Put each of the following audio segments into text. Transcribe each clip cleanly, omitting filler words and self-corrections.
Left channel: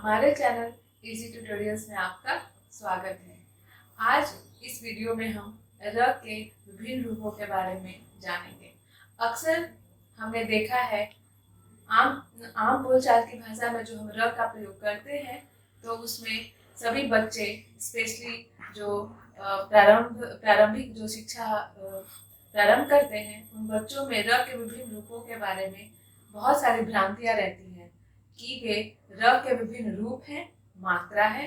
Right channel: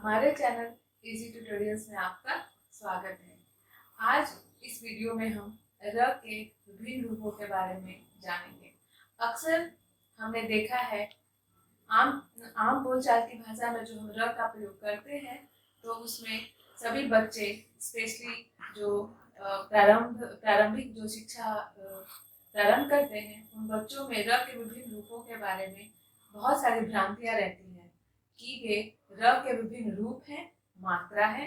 हमारे channel easy tutorials में आपका स्वागत है। आज इस वीडियो में हम र के विभिन्न रूपों के बारे में जानेंगे। अक्सर हमने देखा है आम आम बोलचाल की भाषा में जो हम र का प्रयोग करते हैं तो उसमें सभी बच्चे स्पेशली जो प्रारंभिक जो शिक्षा प्रारंभ करते हैं उन बच्चों में र के विभिन्न रूपों के बारे में बहुत सारी भ्रांतियां रहती हैं कि वे र के विभिन्न रूप हैं, मात्रा है,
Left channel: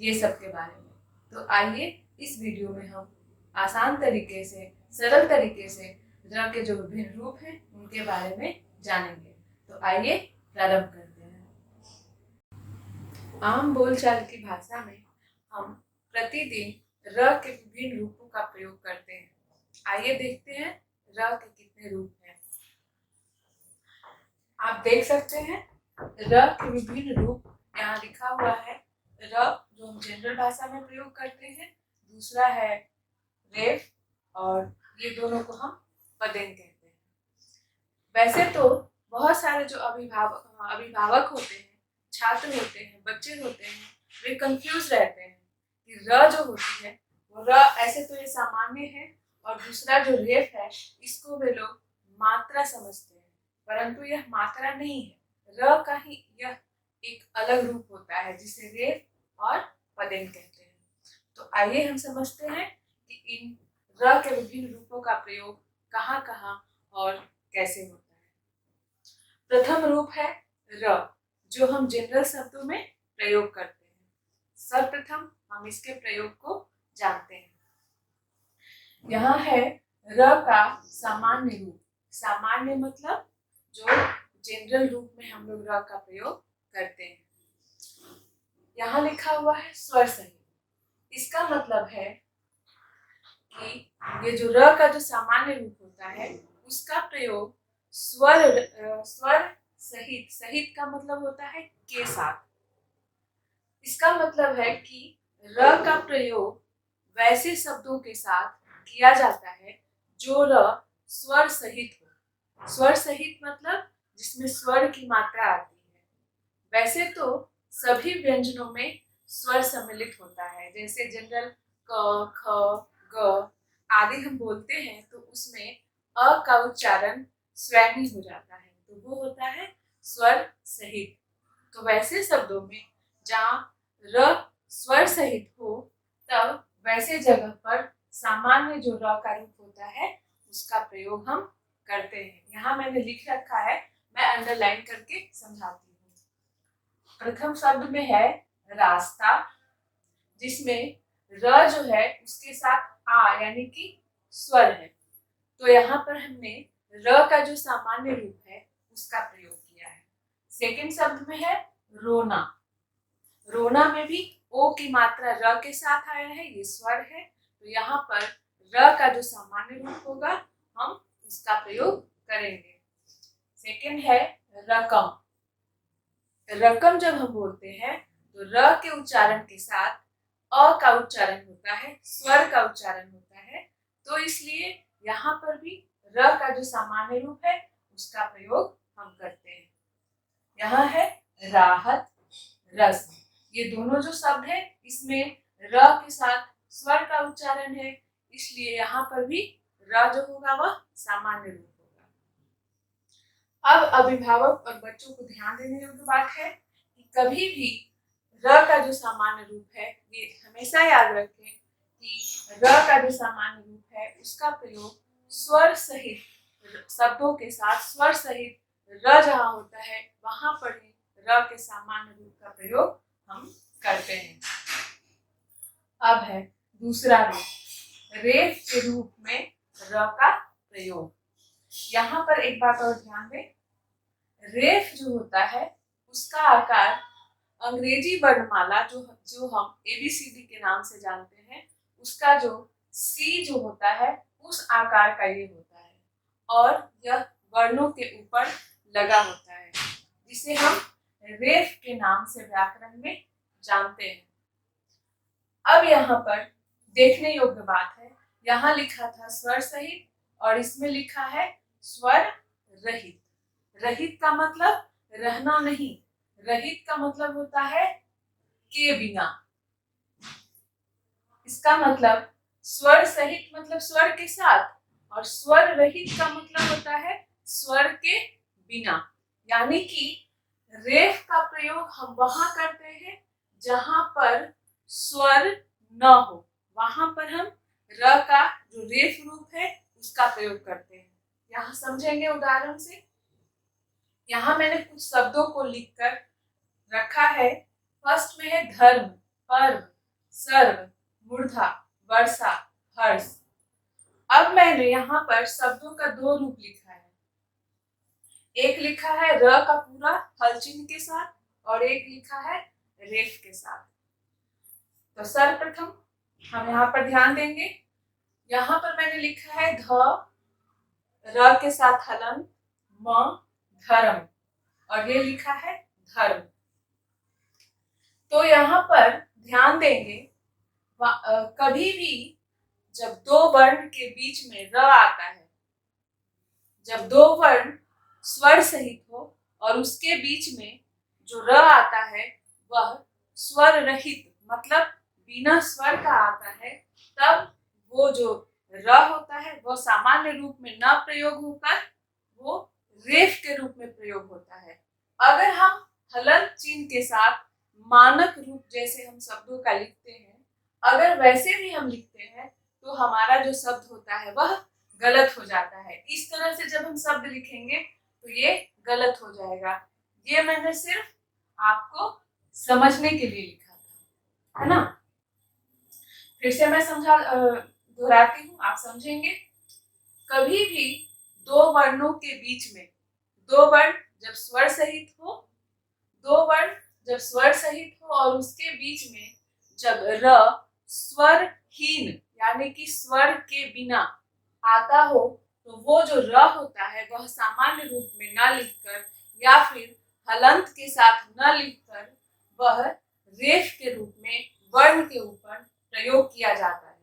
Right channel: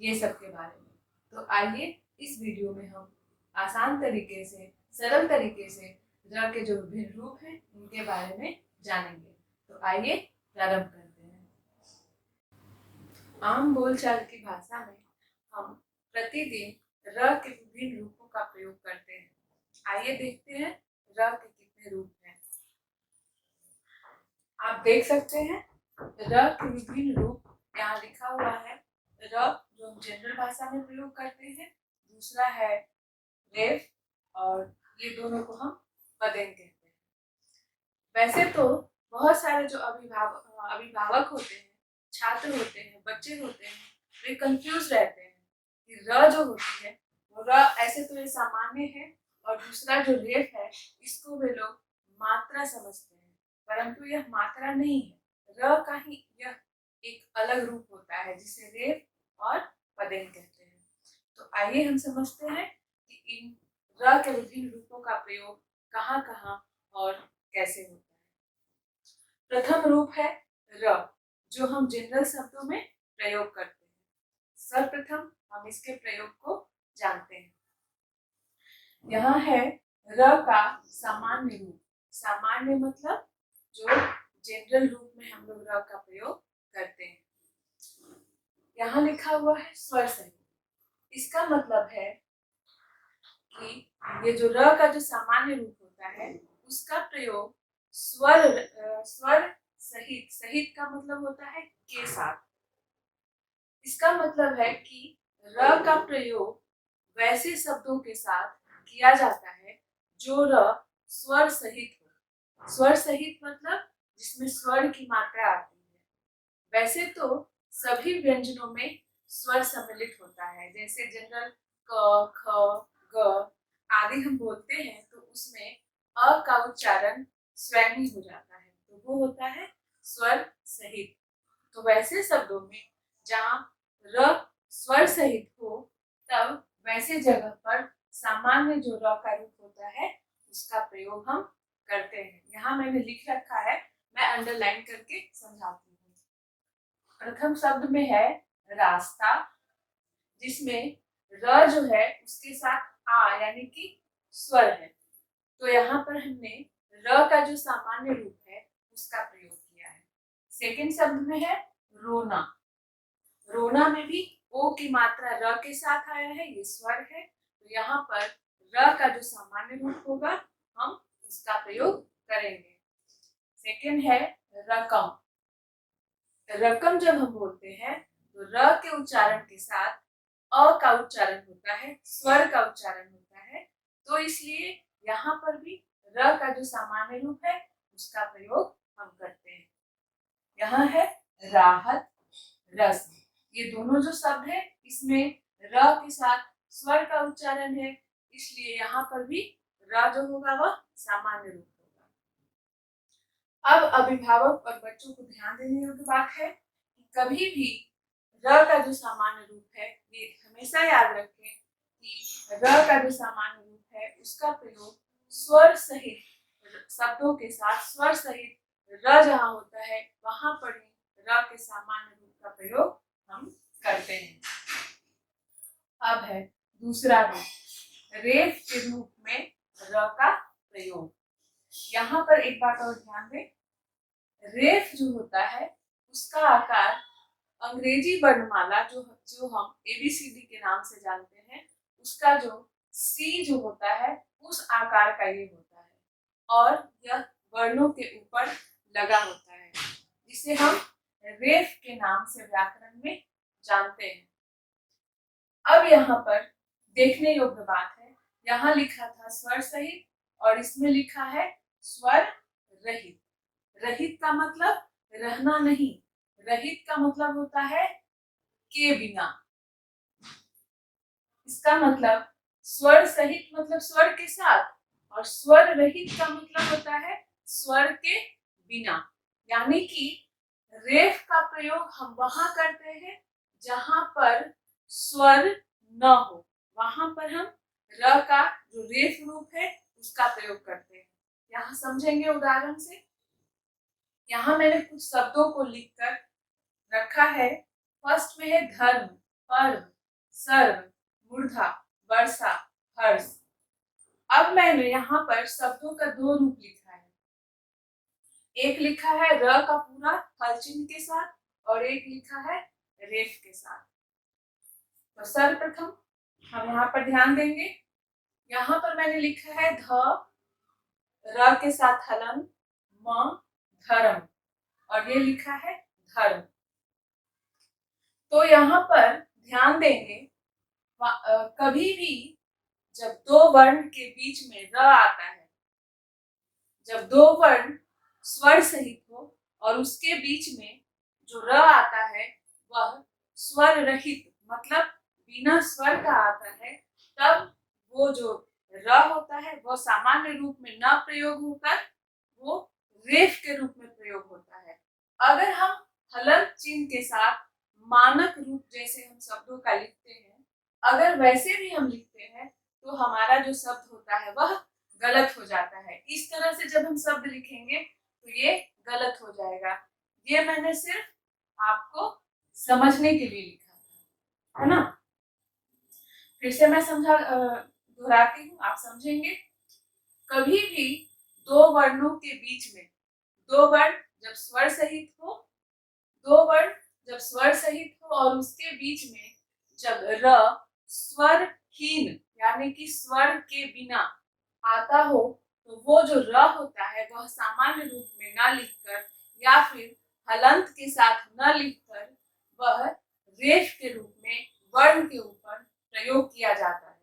ये सब के बारे में। तो आइए इस वीडियो में हम आसान तरीके से, सरल तरीके से र के जो विभिन्न रूप हैं उनके बारे में जानेंगे। तो आइए प्रारंभ करते हैं। आम बोलचाल की भाषा में हम प्रतिदिन र के विभिन्न रूपों का प्रयोग करते हैं। आइए देखते हैं र के कितने रूप हैं। आप देख सकते हैं र के विभिन्न रूप यहाँ लिखा हुआ है। र जो हम जनरल भाषा में प्रयोग करते हैं, दूसरा है रेफ और ये दोनों को हम पदेन कहते हैं। वैसे तो बहुत सारे जो अभिभावक होते हैं, छात्र होते हैं, बच्चे होते हैं, वे कंफ्यूज रहते हैं कि र जो होती है वो र ऐसे तो ये सामान्य है और दूसरा जो रेफ है इसको वे लोग मात्रा समझते हैं, परंतु यह मात्रा नहीं है। र का ही यह एक अलग रूप होता है जिसे रेफ और पदेन कहते हैं। तो आइए हम समझते हैं कि इन र के विभिन्न रूपों का प्रयोग कहाँ कहाँ और कैसे होता है। प्रथम रूप है र, जो हम जनरल शब्दों में प्रयोग करते हैं। सर्वप्रथम हम इसके प्रयोग को जानते हैं। यहाँ है र का सामान्य रूप। सामान्य मतलब जो जनरल रूप में हम लोग र का प्रयोग करते हैं। यहाँ लिखा हुआ है स्वर सहित। इसका मतलब है कि ये जो र का जो सामान्य रूप होता है उसका प्रयोग स्वर सहित, सहित का मतलब होता है के साथ। इसका मतलब है कि र का प्रयोग वैसे शब्दों के साथ किया जाता है जो र स्वर सहित हो। स्वर सहित मतलब जिसमें स्वर की मात्रा आती है। वैसे तो सभी व्यंजनों में स्वर सम्मिलित होता है, जैसे जनरल क, ख, ग आदि हम बोलते हैं तो उसमें अ का उच्चारण स्वैमी हो जाता है, तो वो होता है स्वर सहित। तो वैसे शब्दों में जहाँ र स्वर सहित हो तब वैसे जगह पर सामान्य जो र का रूप होता है उसका प्रयोग हम करते हैं। यहाँ मैंने लिख रखा है, मैं अंडरलाइन करके समझाती हूँ। प्रथम शब्द में है रास्ता, जिसमें र जो है उसके साथ आ यानी कि स्वर है। तो यहाँ पर हमने र का जो सामान्य रूप है उसका प्रयोग किया है। सेकंड शब्द में है रोना। रोना में भी ओ की मात्रा र के साथ आया है, ये स्वर है। तो यहाँ पर र का जो सामान्य रूप होगा हम उसका प्रयोग करेंगे। सेकंड है रकम। रकम जब हम बोलते हैं तो र के उच्चारण के साथ अ का उच्चारण होता है, स्वर का उच्चारण होता है। तो इसलिए यहाँ पर भी र का जो सामान्य रूप है उसका प्रयोग हम करते हैं। यहाँ है राहत, रस। ये दोनों जो शब्द है इसमें र के साथ स्वर का उच्चारण है, इसलिए यहाँ पर भी र जो होगा वह सामान्य रूप होगा। अब अभिभावक और बच्चों को ध्यान देने योग्य बात है कि कभी भी र का जो सामान्य रूप है, ये हमेशा याद रखें कि र का जो सामान्य रूप है उसका प्रयोग स्वर सहित शब्दों के साथ, स्वर सहित र जहाँ होता है वहां पर र के सामान्य रूप का प्रयोग हम करते हैं। अब है दूसरा रूप, रेफ के रूप में र का प्रयोग। यहाँ पर एक बात और ध्यान दें, रेफ जो होता है उसका आकार अंग्रेजी वर्णमाला जो हम ABCD के नाम से जानते हैं उसका जो C जो होता है उस आकार का ये होता है और यह वर्णों के ऊपर लगा होता है, जिसे हम रेफ के नाम से व्याकरण में जानते हैं। अब यहाँ पर देखने योग्य बात है, यहाँ लिखा था स्वर सहित और इसमें लिखा है स्वर रहित। रहित का मतलब रहना नहीं, रहित का मतलब होता है के बिना। इसका मतलब स्वर सहित मतलब स्वर के साथ, और स्वर रहित का मतलब होता है स्वर के बिना। यानी कि रेफ का प्रयोग हम वहां करते हैं जहां पर स्वर न हो, वहां पर हम र का जो रेफ रूप है उसका प्रयोग करते हैं। यहाँ समझेंगे उदाहरण से। यहाँ मैंने कुछ शब्दों को लिखकर रखा है। फर्स्ट में है धर्म, पर्व, सर्व, मूर्धा, वर्षा, हर्ष। अब मैंने यहाँ पर शब्दों का दो रूप लिखा है। एक लिखा है र का पूरा हल चिन्ह के साथ, और एक लिखा है रेफ के साथ। तो सर्वप्रथम हम यहाँ पर ध्यान देंगे। यहाँ पर मैंने लिखा है ध, र के साथ हलन, म, धर्म, और ये लिखा है धर्म। तो यहाँ पर ध्यान देंगे, कभी भी जब दो वर्ण के बीच में र आता है, जब दो वर्ण स्वर सहित हो और उसके बीच में जो र आता है वह स्वर रहित मतलब बिना स्वर का आता है, तब वो जो र होता है वह सामान्य रूप में न प्रयोग होकर वो रेफ के रूप में प्रयोग होता है। अगर हम हलंत चिन्ह के साथ मानक रूप जैसे हम शब्दों का लिखते हैं, अगर वैसे भी हम लिखते हैं तो हमारा जो शब्द होता है वह गलत हो जाता है। इस तरह से जब हम शब्द लिखेंगे तो ये गलत हो जाएगा। ये मैंने सिर्फ आपको समझने के लिए लिखा था, है ना। फिर से मैं दोहराती हूँ, आप समझेंगे। कभी भी दो वर्णों के बीच में, दो वर्ण जब स्वर सहित हो, दो वर्ण जब स्वर सहित हो और उसके बीच में जब र स्वरहीन यानी कि स्वर के बिना आता हो, तो वो जो र होता है वह सामान्य रूप में न लिखकर या फिर हलंत के साथ न लिखकर वह रेफ के रूप में वर्ण के ऊपर प्रयोग किया जाता है।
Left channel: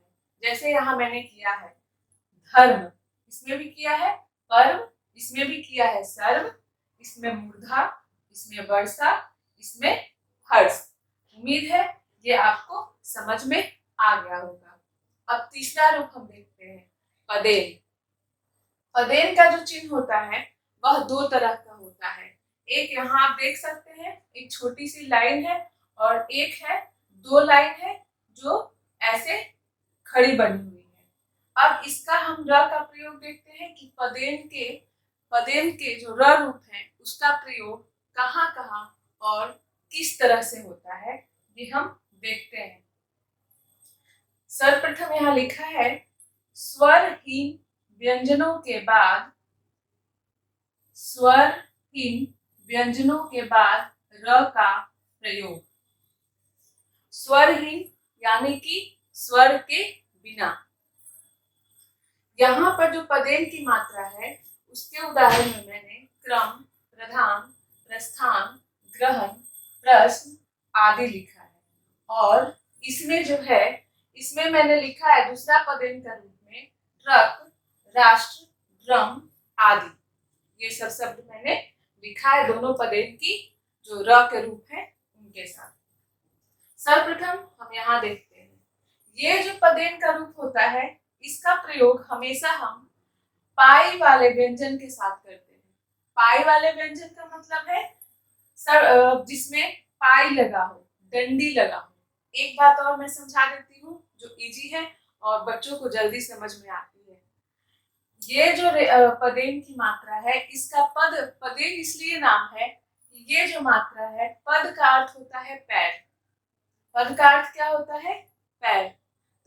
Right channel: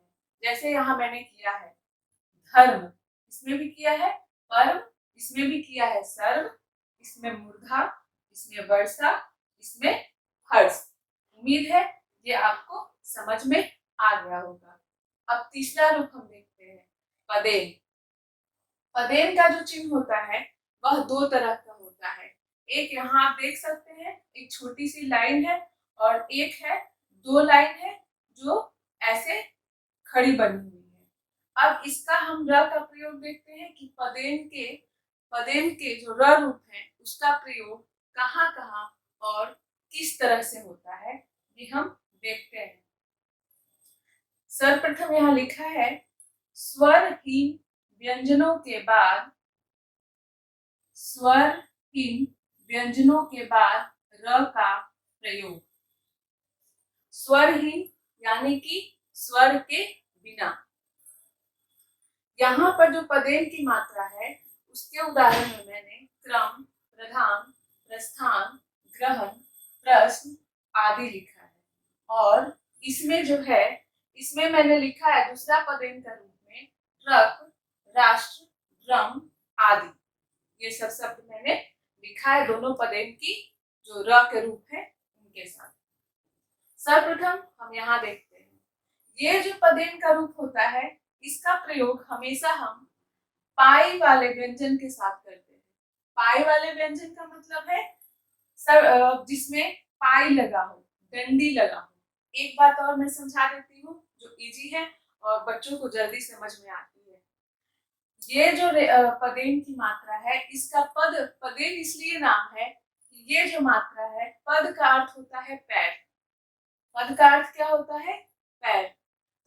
जैसे यहाँ मैंने किया है धर्म, इसमें भी किया है पर्व, इसमें भी किया है सर्व, इसमें मूर्धा, इसमें वर्षा, इसमें हर्ष। उम्मीद है ये आपको समझ में आ गया होगा। अब तीसरा रूप हम देखते हैं पदेन। पदेन का जो चिन्ह होता है वह दो तरह का होता है। एक यहाँ आप देख सकते हैं, एक छोटी सी लाइन है और एक है दो लाइन है जो ऐसे खड़ी बनी हुई है। अब इसका हम र का प्रयोग देखते हैं कि पदेन के जो र रूप है उसका प्रयोग कहाँ कहाँ और किस तरह से होता है, ये हम देखते हैं। सर्वप्रथम यहाँ लिखा है स्वरहीन व्यंजनों के बाद, स्वरहीन व्यंजनों के बाद र का प्रयोग। स्वरहीन यानी कि स्वर के बिना। यहाँ पर जो पदेन की मात्रा है उसके उदाहरण में मैंने क्रम, प्रधान, प्रस्थान, ग्रहण, प्रश्न आदि लिखा है। और इसमें जो है, इसमें मैंने लिखा है दूसरा पदेन का रूप में ट्रक, राष्ट्र, ड्रम आदि। ये सब शब्द मैंने लिखा है दोनों पदेन की जो र के रूप है उनके साथ। सर्वप्रथम हम यहाँ देखते हैं, ये जो पदेन का रूप होता है इसका प्रयोग हमेशा हम पाई वाले व्यंजन के साथ करते हैं। पाई वाले व्यंजन का मतलब है जिसमें पाई लगा हो, डंडी लगा हो। एक बात और मैं समझा देती हूँ जो इजी है और बच्चों को जल्दी समझ में आती है। ये जो पदेन की मात्रा है, इसका पदेन इसलिए नाम है कि ये जो मात्रा है, पद का अर्थ होता है पैर। पद का अर्थ क्या होता है? पैर।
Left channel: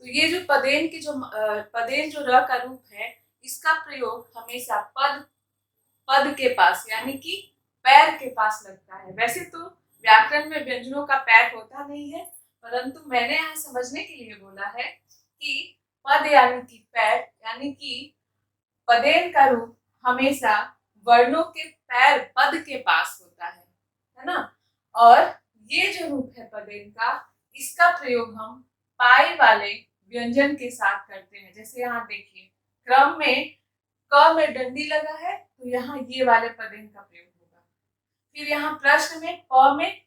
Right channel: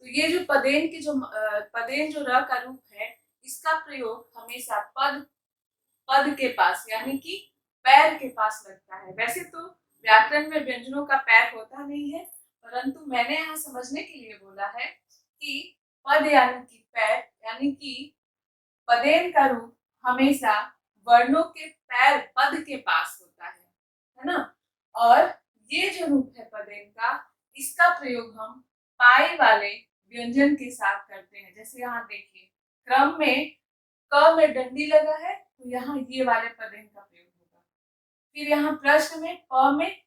तो ये जो पदेन जो र का रूप है, इसका प्रयोग हमेशा पद के पास यानी कि पैर के पास लगता है। वैसे तो व्याकरण में व्यंजनों का पैर होता नहीं है, परंतु मैंने यहाँ समझने के लिए बोला है कि पद यानी कि पैर, यानी कि पदेन का रूप हमेशा वर्णों के पैर पद के पास होता है ना। और ये जो रूप है पदेन का, इसका प्रयोग हम पाई वाले व्यंजन के साथ करते हैं। जैसे यहाँ देखिए, क्रम में क में डंडी लगा है तो यहाँ ये वाले पदेन का प्रयोग होगा। फिर यहाँ प्रश्न में प में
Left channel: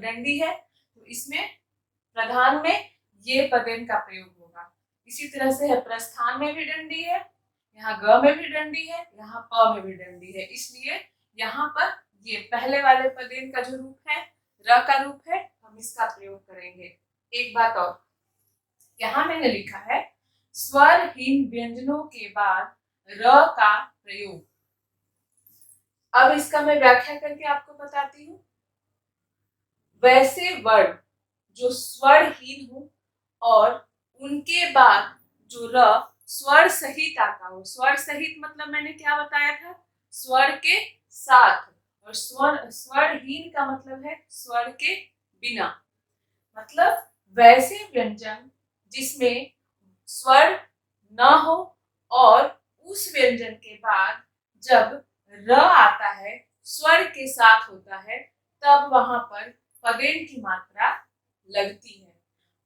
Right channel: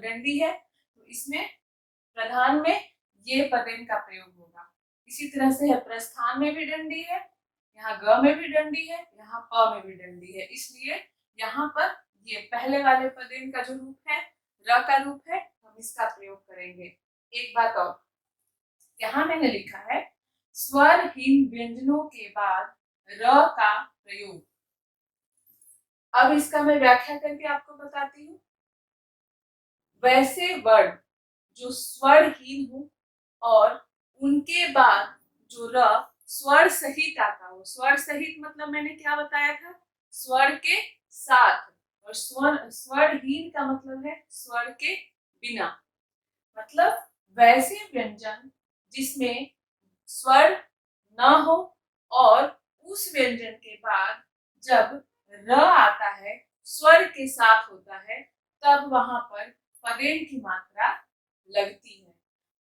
दंडी है, तो इसमें प्रधान में ये पदेन का प्रयोग होगा। इसी तरह से है प्रस्थान में भी दंडी है, यहाँ ग में भी दंडी है, यहाँ प में भी दंडी है, इसलिए यहाँ पर ये पहले वाले पदेन का जो रूप है र का रूप है, हम इसका प्रयोग करेंगे। एक बात और, यहाँ मैंने लिखा है स्वरहीन व्यंजनों के बाद र का प्रयोग। अब इसका मैं व्याख्या करके आपको बताती हूँ। वैसे वर्ण जो स्वरहीन हो और उनके बाद जो र स्वर सहित आता हो। स्वर सहित मतलब मैंने क्या बताया था, स्वर के साथ, और स्वरहीन का मतलब है स्वर के बिना। मतलब वैसे व्यंजन जिसमें स्वर न हो और उस व्यंजन के बाद जब र आता है, स्वर के साथ होता है, तब वहां पर पदेन की मात्रा लगती है।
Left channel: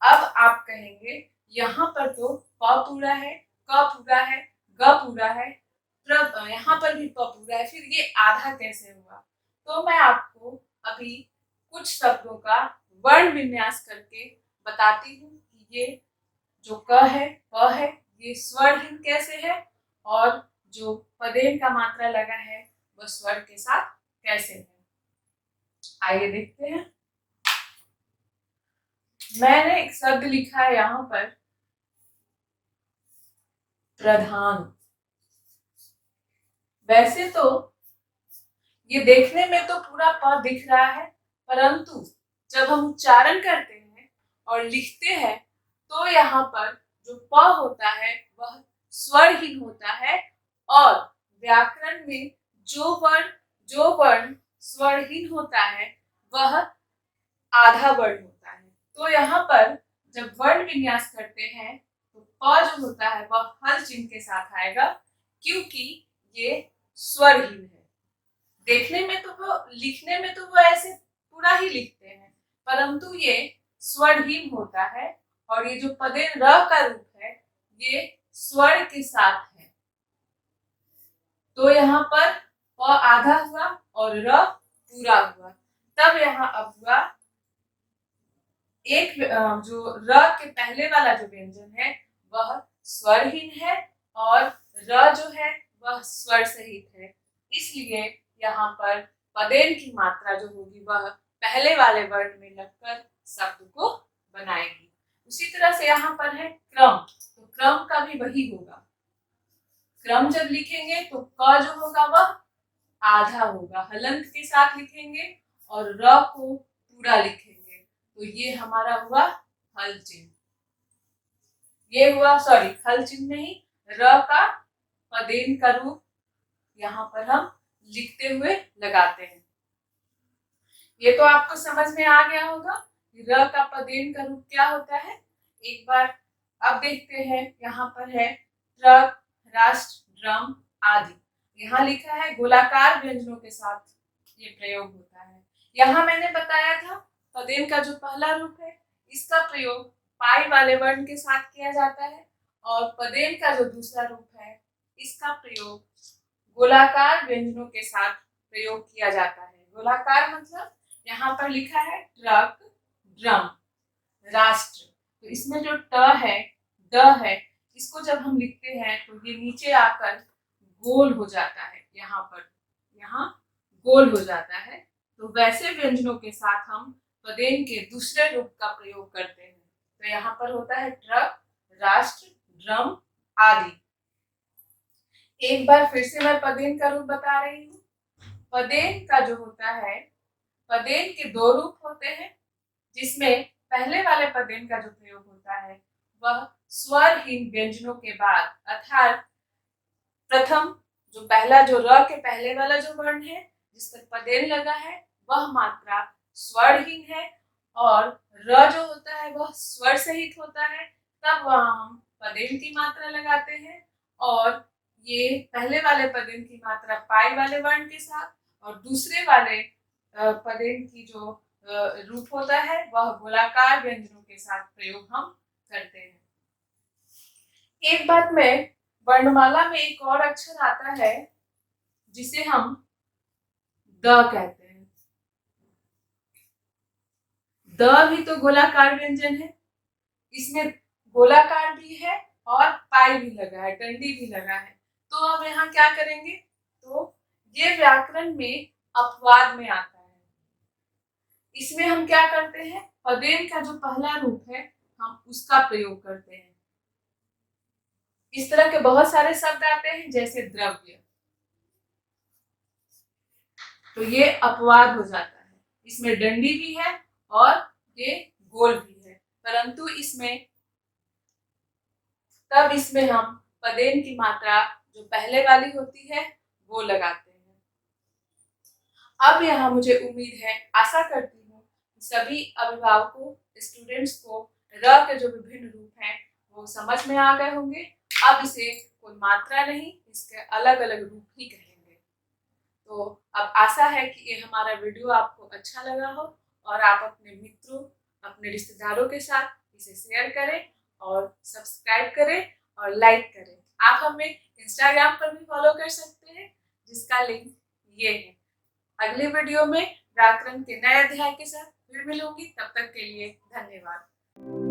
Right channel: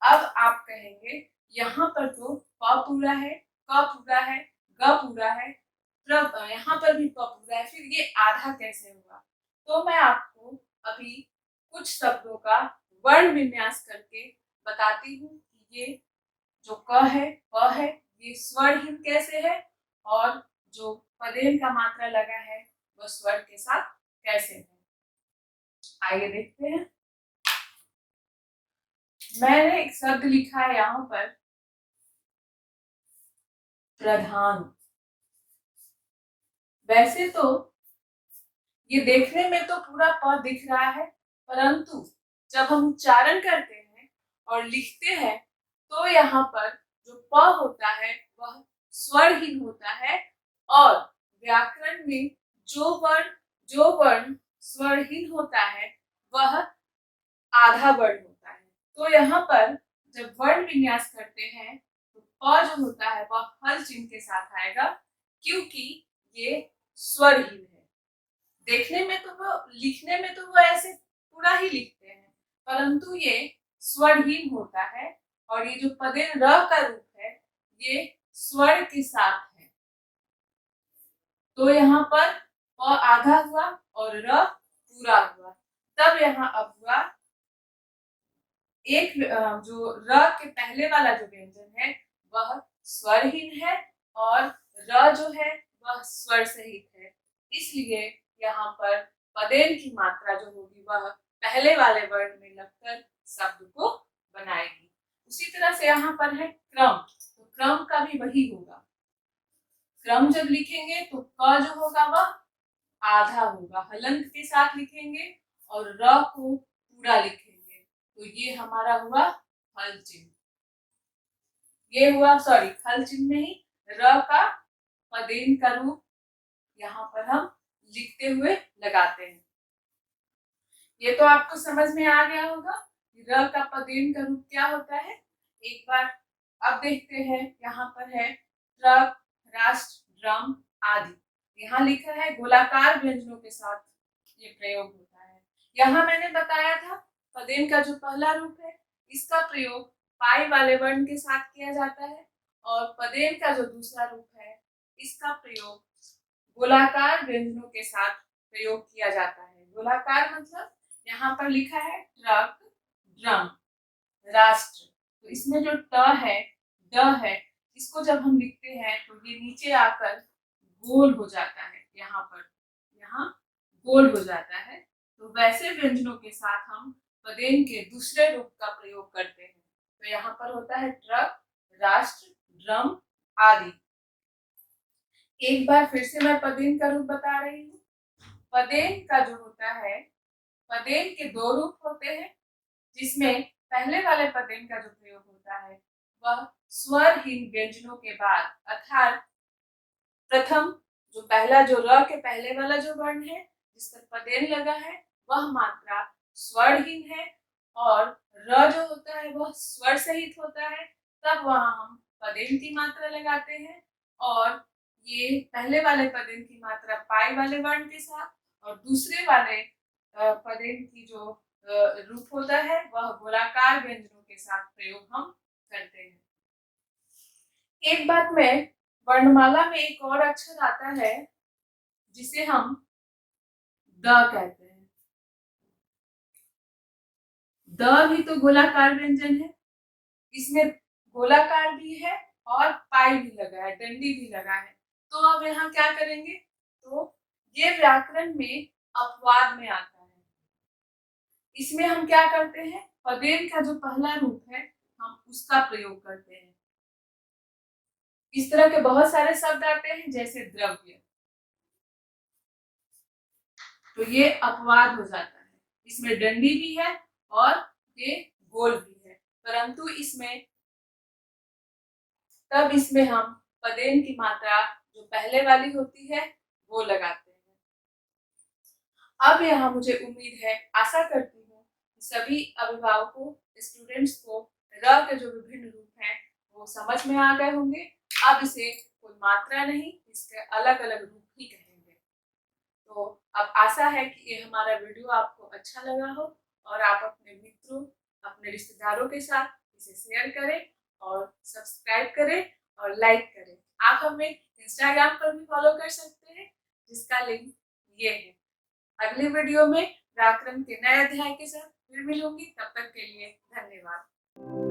अब आप कहेंगे यहाँ पर तो प पूरा है, क पूरा है, ग पूरा है, यहाँ पर भी प पूरा है, फिर ये आधा कैसे हुआ? तो मैं आपको अभी कुछ शब्दों का वर्ण विन्यास करके बताती हूँ कि ये जो क है, प है, ये स्वरहीन कैसे है, और जो पदेन का मात्रा लगा है वह स्वर के साथ कैसे है। आइए देखते हैं। मैंने एक शब्द लिखा है यहाँ पर प्रधान। वैसे तो ये देखने में तो पूरा प दिख रहा है, परंतु जब हम उच्चारण करते हैं और लिखते हैं तो यहाँ पर जो प होता है वह स्वरहीन होता है, और व्याकरण में जो वर्ण स्वरहीन होता है वह आधा वर्ण होता है। तो यहाँ पर जब वर्ण विन्यास करते हैं तो प जो होता है वह हल चिन्ह के साथ आएगा, क्योंकि ये स्वरहीन है। देखने में तो वो, लिखने में तो वो ऐसे पूरा ही लिखते हैं, परंतु ये स्वरहीन होता है, और ये जो पदेन र का रूप है ये स्वर के साथ है। तो यहाँ पर प आधा हुआ और र पूरा हुआ। तब यहाँ अब हुआ एक जो र के पहले वाला जो व्यंजन है वह स्वरहीन है, और र जो है वह स्वर सहित है, इसलिए यहाँ पर पदेन की मात्रा जो होगी वह पहले वाले वर्ण में लगकर शब्द को बनाएगी। उसी तरह से यहाँ पर है क्रम, तो क्रम का भी वही होगा। क्रम जब लिखेंगे तो क जो होगा वह आधा होगा, हलंत के साथ लिखेंगे, और र को पूरा लिखेंगे, तो ये हमारा हुआ हल चिन्ह। ये हुआ, सॉरी, हल चिन्ह नहीं, र का पदेन का रूप यहाँ पर हम लिखते हुए लगाते हैं। ये तो आपको समझ में आ गया होगा र का पदेन का रूप क्या होता है। एक बार अब देखते हैं, यहाँ पर है ट्रक, राष्ट्र, ड्रम आदि। यहाँ लिखा है गोलाकार व्यंजनों के साथ ये प्रयोग होता है। यहाँ मैंने बताया था पदेन का जो पहला रूप है इसका प्रयोग पाई वाले वर्ण के साथ किया जाता है, और पदेन का जो दूसरा रूप है इसका प्रयोग गोलाकार व्यंजनों के साथ प्रयोग किया जाता है। गोलाकार मतलब यहाँ पर लिखा है ट्रक, ड्रम, राष्ट्र, तो इसमें जो ट है, ड है, इसको जब हम लिखते हैं तो ये नीचे आकर गोल हो जाता है, यहाँ पर, यहाँ गोल हो जाता है। तो वैसे व्यंजनों के साथ हम पदेन के दूसरे रूप का प्रयोग करते हैं। तो यहाँ पर होता है ट्रक, राष्ट्र, ड्रम आदि। एक बार फिर से मैं पदेन का रूप बता रही हूँ। पदेन का जो होता है, पदेन के दो रूप होते हैं, जिसमें पहले वाले पदेन का जो प्रयोग होता है वह स्वरहीन व्यंजनों के बाद, अर्थात प्रथम जो पहला जो र के पहले वाला जो वर्ण है जिस पर पदेन लगा है वह मात्रा स्वरहीन है, और र जो होता है वह स्वर सहित होता है, तब वहां हम पदेन की मात्रा लगाते हैं। और ये पहले वाले पदेन की मात्रा पाई वाले वर्ण के साथ, और दूसरे वाले पदेन की जो रूप होता है वह गोलाकार व्यंजनों के साथ प्रयोग हम करते हैं। एक बात में, वर्णमाला में एक और अक्षर आता है जिसे हम द कहते हैं। द भी तो गोलाकार व्यंजन है, इसमें गोलाकार भी है और पाई भी लगा है, डंडी भी लगा है। तो अब यहाँ क्या करेंगे, तो ये व्याकरण में अपवाद में आता है। इसमें हम क्या करते हैं, पदेन का जो पहला रूप है हम उसका प्रयोग करते हैं। इस तरह के बहुत सारे शब्द आते हैं जैसे द्रव्य, तो ये अपवाद हो जाता है। इसमें डंडी भी है और ये गोल भी है, परंतु इसमें तब इसमें हम पदेन की मात्रा जो पहले वाली होती है वो लगाते हैं। अब यहाँ मुझे उम्मीद है, आशा करती हूँ कि सभी अभिभावकों, स्टूडेंट्स को र के जो विभिन्न रूप हैं वो समझ में आ गए होंगे। अब इसे कोई मात्रा नहीं, इसके अलग अलग रूप ही कहेंगे। तो अब आशा है कि ये हमारा वीडियो आपको अच्छा लगा हो और आप अपने मित्रों, अपने रिश्तेदारों के साथ इसे शेयर करें और सब्सक्राइब करें और लाइक करें। आप हमें इंस्टाग्राम पर भी फॉलो कर सकते हैं, जिसका लिंक ये है। अगली वीडियो में व्याकरण के नए अध्याय के साथ फिर मिलूंगी, तब तक के लिए धन्यवाद।